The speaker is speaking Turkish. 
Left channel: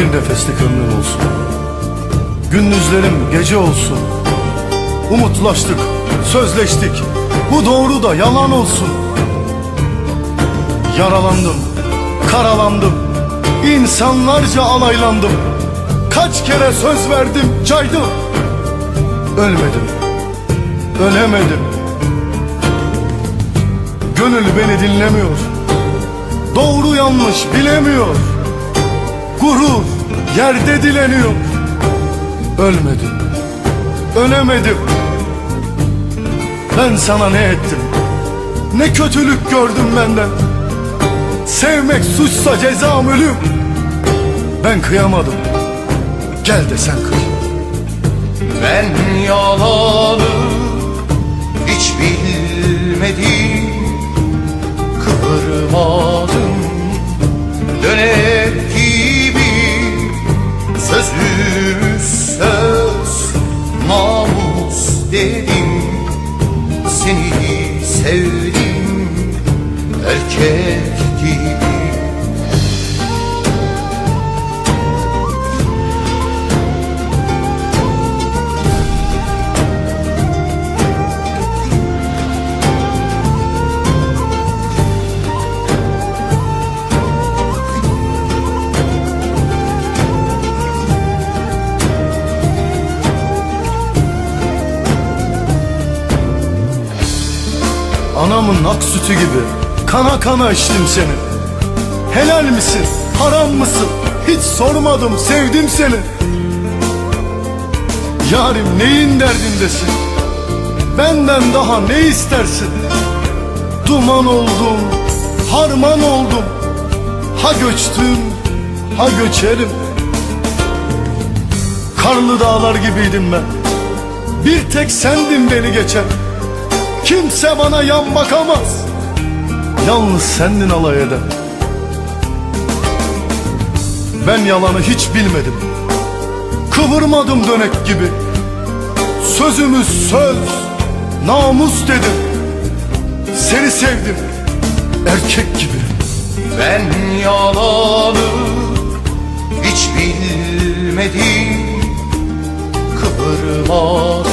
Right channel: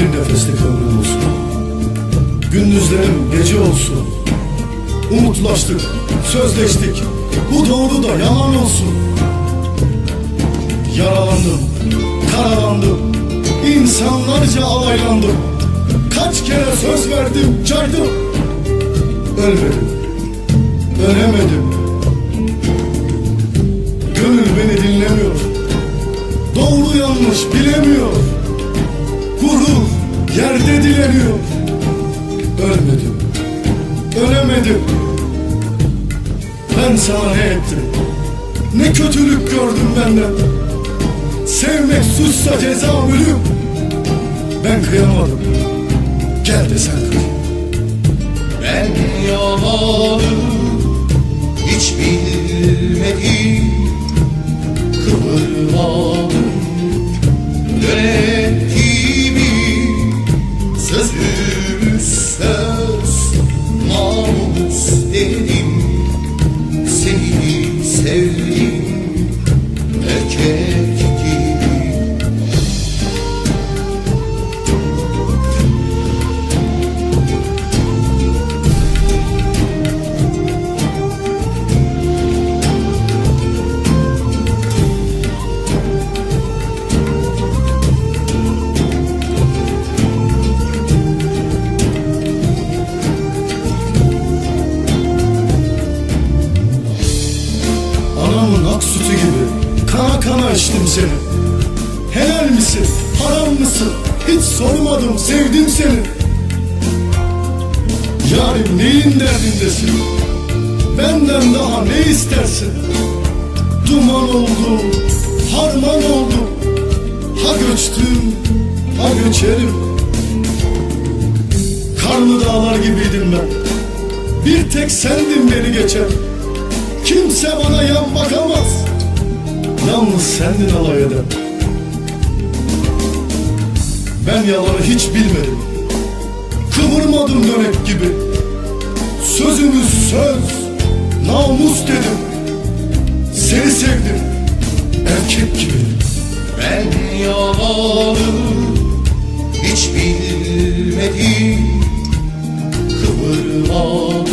Bir nefeslik ömrüm olsun. Gündüzlerim gece olsun. Umutlaştık, sözleştik. Bu doğru da yalan olsun. Yaralandım, karalandım. İnsanlarca alaylandım. Kaç kere söz verdim, caydım. Ölmedim, ölemedim. Gönül beni dinlemiyor. Doğru yanlış bilemiyor Gurur yerde dileniyor. Ölmedim Ölemedim. Ben sana ne ettim? Ne kötülük gördüm benden? Sevmek suçsa cezam ölüm. Ben kıyamadım. Gel de sen kıy Ben yalanı hiç bilmedim namus dedim Seni sevdim. Erkek gibi Anamın ak sütü gibi Kana kana içtim seni. Helal misin, haram mısın? Hiç sormadım, sevdim seni. Yarim neyin derdindesin? Benden daha ne istersin? Duman oldum, harman oldum. Ha göçtüm, ha göçerim. Karlı dağlar gibiydim ben. Bir tek sendin beni geçen Kimse bana yan bakamaz. Yalnız sendin alay eden Ben yalanı hiç bilmedim. Kıvırmadım dönek gibi. Sözümüz söz Namus dedim. Seni sevdim Erkek gibi. Ben yalanı hiç bilmedim. Kıvırmadım